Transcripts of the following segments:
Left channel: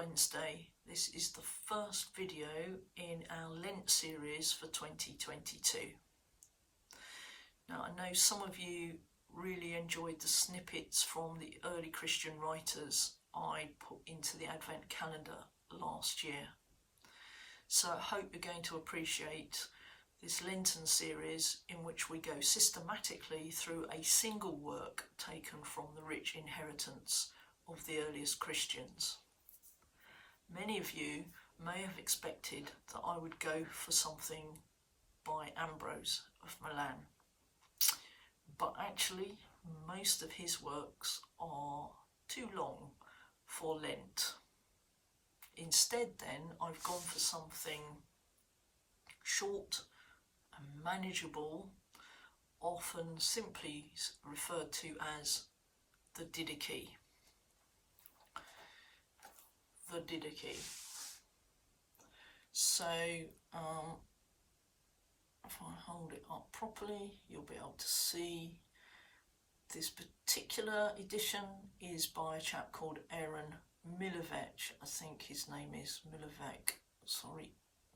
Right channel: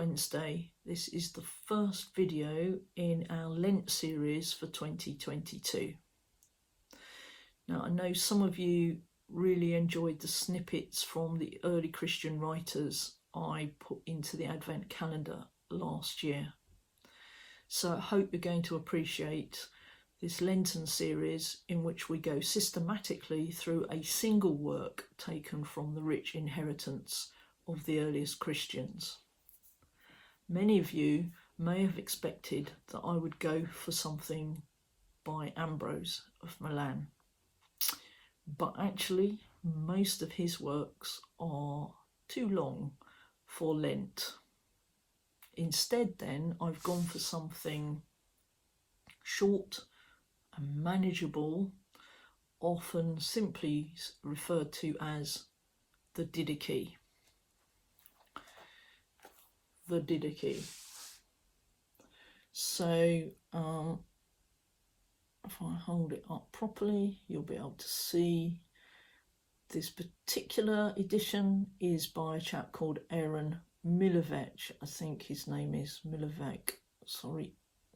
Wednesday. This is the first video in our Lent series for 2022. Now, I know some of you really enjoyed the snippets from the early Christian writers I put into the Advent calendar last year. So I hope you're going to appreciate this Lenten series in which we go systematically through a single work taken from the rich inheritance of the earliest Christians. Many of you may have expected that I would go for something by Ambrose of Milan, but actually most of his works are too long for Lent. Instead then, I've gone for something short and manageable, often simply referred to as the Didache. The Didache. So if I hold it up properly, you'll be able to see this particular edition is by a chap called Aaron Didache. I think his name is Didache. Sorry,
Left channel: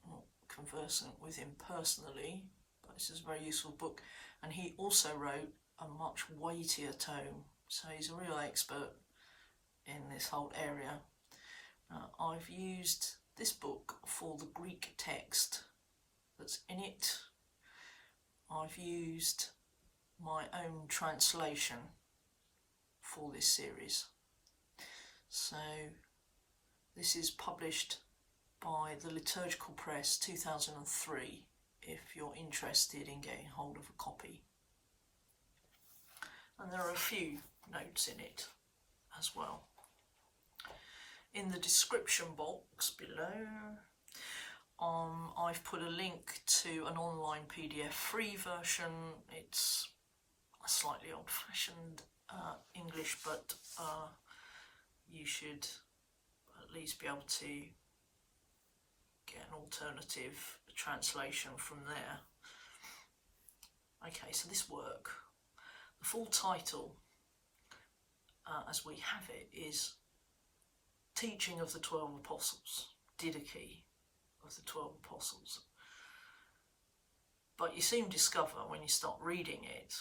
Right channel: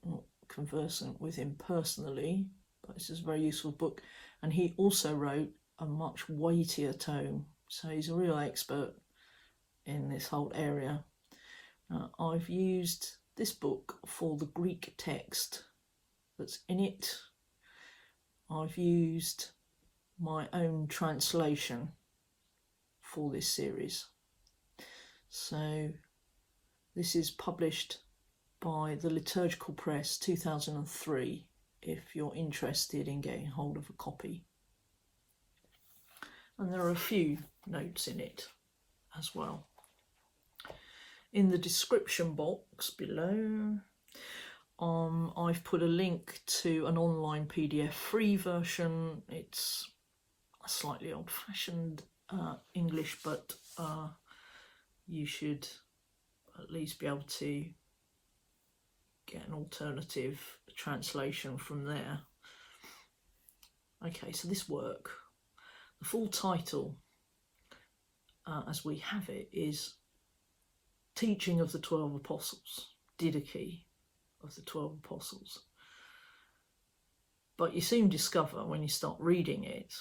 not conversant with him personally, but this is a very useful book. And he also wrote a much weightier tome, so he's a real expert in this whole area. I've used this book for the Greek text that's in it. I've used my own translation for this series. So this is published by the Liturgical Press 2003 if you're interested in getting hold of a copy. And there are a few notes in it as well. In the description box below, I've put a link to an online PDF free version. It's a slightly old-fashioned English, but you should at least be able to get an alternative translation from there. Okay, so this work, the full title, as we have it, is Teaching of the 12 Apostles, Didache of the 12 Apostles. But you soon discover when you start reading it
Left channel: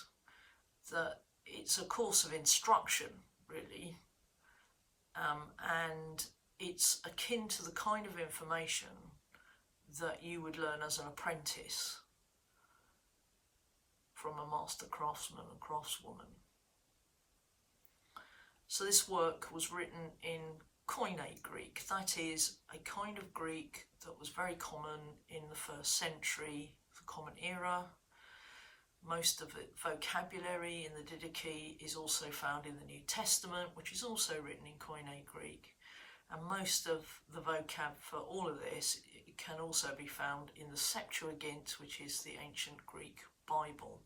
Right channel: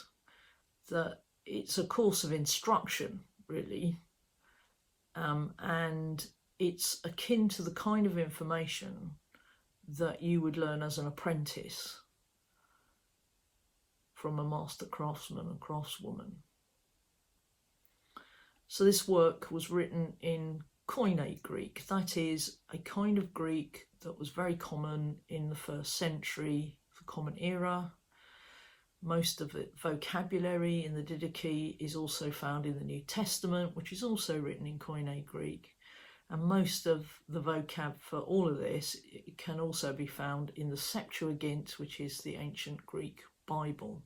that it's a course of instruction, really, and it's akin to the kind of information that you would learn as an apprentice from a master craftsman and craftswoman. So this work was written in Koine Greek, that is a kind of Greek that was very common in the first century, the Common Era. Most of the vocabulary in the Didache is also found in the New Testament, which is also written in Koine Greek. And most of the vocab for all of this can also be found in the Septuagint, which is the ancient Greek Bible.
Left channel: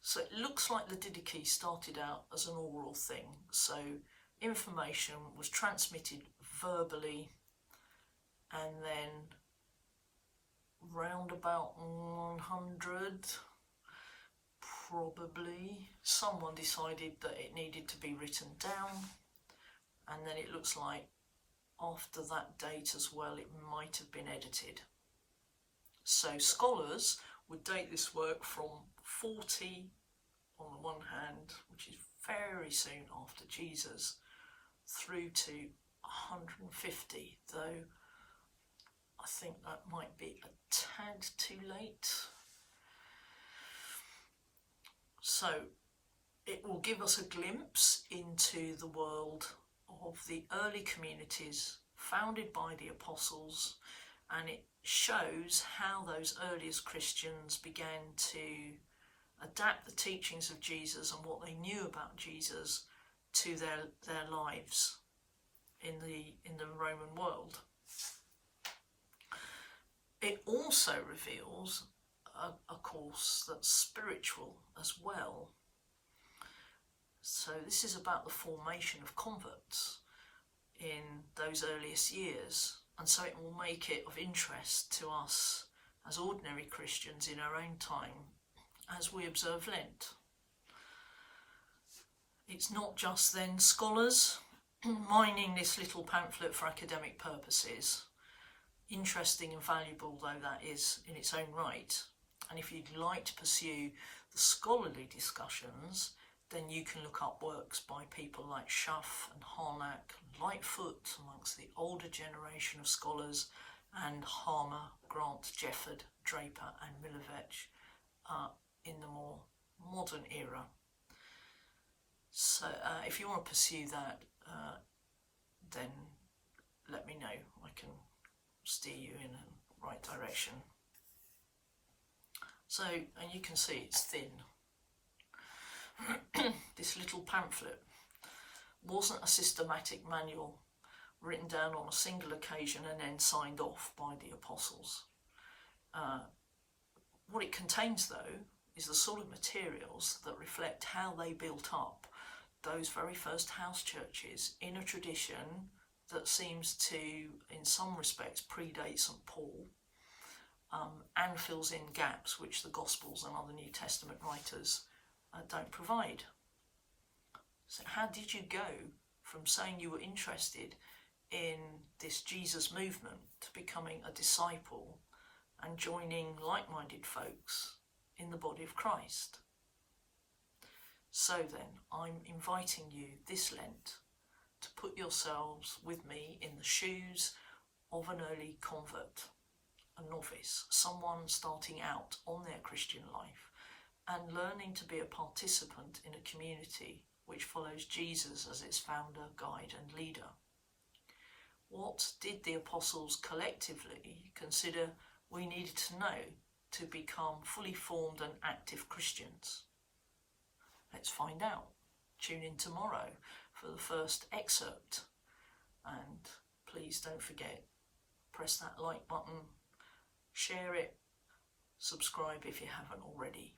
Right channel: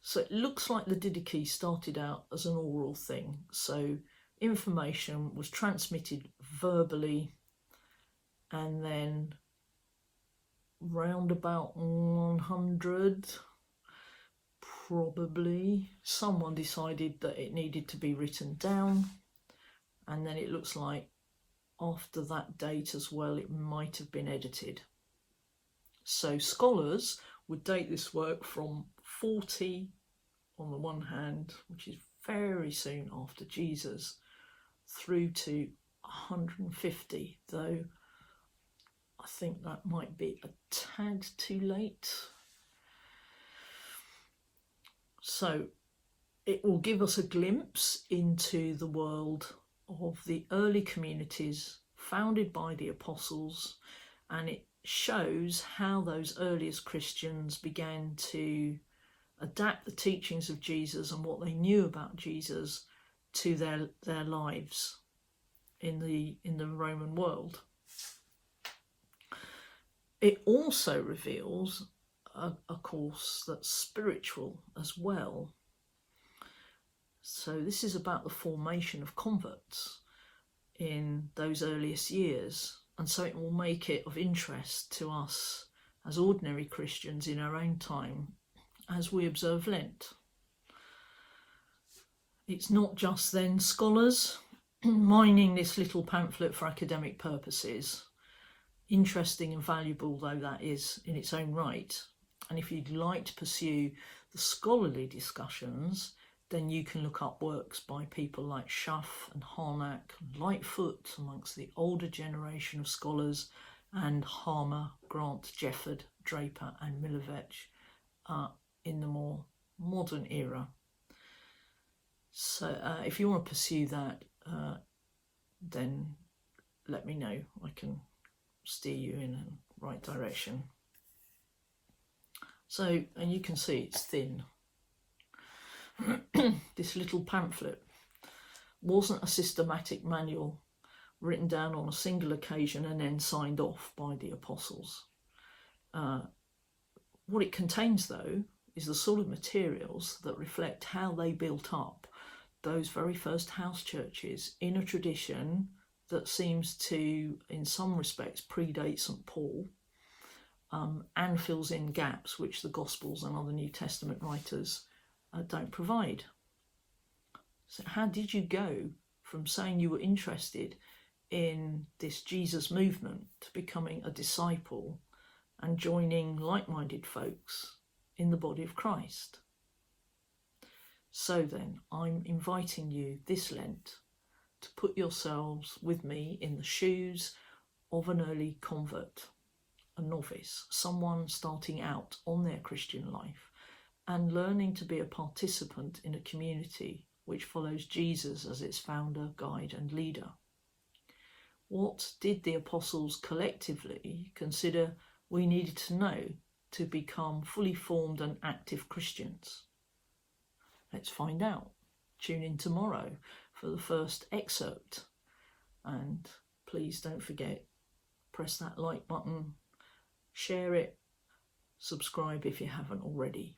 So it looks like the Didache started out as an oral thing. So information was transmitted verbally, and then round about 100, probably, someone decided that it needed to be written down. And then it looks like after that date as well, it might have been edited. So scholars would date this work from 40 on the one hand, which is very soon after Jesus, through to 150, though I think that might be a tad too late. So it will give us a glimpse into the world of the early communities founded by the apostles, and it shows how those earliest Christians began to adapt the teachings of Jesus and what they knew about Jesus to their lives in the Roman world. It also reveals a course that's spiritual as well. So this is about the formation of converts in those earliest years, and so it will make it of interest to us as ordinary Christians in our own time as we observe Lent. It's not just then scholars mining this little pamphlet for academic purposes, interesting and valuable though that is in its own right. And if you'd like to pursue the scholarly discussions, then you can look up works by people like Schaff and Harnack and Lightfoot amongst the older generation of scholars, and Harmer, Grant, Jefford, Draper and Milovic in the more modern era. So if you want to pursue that, then let me know. I can steer you in the right direction. So, and you can see it's thin. This little pamphlet wasn't a systematic manual written down on a single occasion and then signed off by the apostles. What it contains, though, is the sort of materials that reflect how they built up those very first house churches in a tradition that seems to, in some respects, predate St. Paul, and fills in gaps which the Gospels and other New Testament writers don't provide. So how did you go from saying you were interested in this Jesus movement to becoming a disciple and joining like-minded folks in the body of Christ? So then, I'm inviting you this Lent to put yourselves with me in the shoes of an early convert, a novice, someone starting out on their Christian life and learning to be a participant in a community which follows Jesus as its founder, guide and leader. What did the apostles collectively consider we needed to know to become fully formed and active Christians? Let's find out. Tune in tomorrow for the first excerpt. And please don't forget, press that like button, share it, subscribe if you haven't already.